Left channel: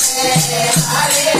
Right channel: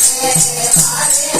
Hare